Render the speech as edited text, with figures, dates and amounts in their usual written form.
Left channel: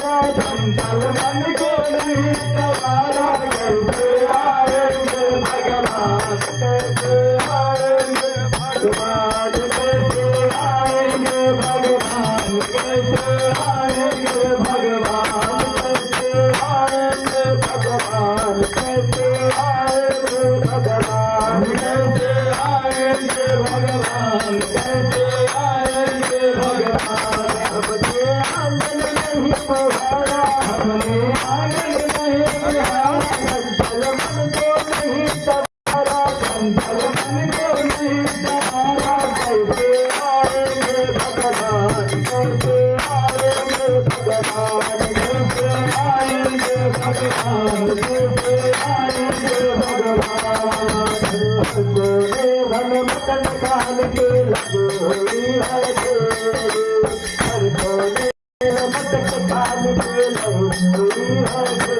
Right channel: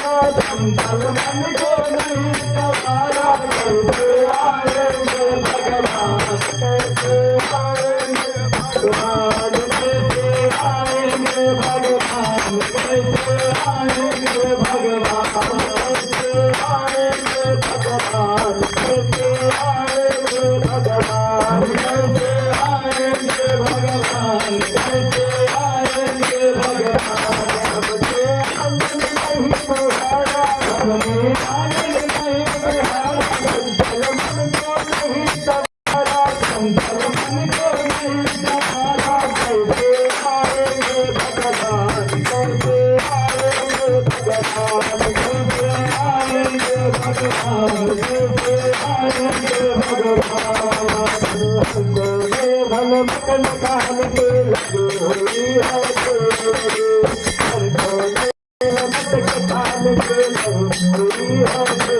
संतल मन को नहीं सवारा कैसे आएंगे भगवान कैसे आएंगे भगवान कैसे आएंगे भगवान कैसे आएंगे भगवान कैसे आएंगे भगवान कैसे आएंगे भगवान कैसे आएंगे भगवान कैसे आएंगे भगवान अपने आंगन नहीं पहुँचाया अपने आंगन नहीं पहुँचाया संतल मन को नहीं सवारा संतल मन को नहीं सवारा कैसे आएंगे भगवान कैसे आएंगे भगवान कैसे आएंगे भगवान कैसे आएंगे भगवान गोरे भन मटन कान के लगे हुई है हर गोरे मटन कान के लगे हुई है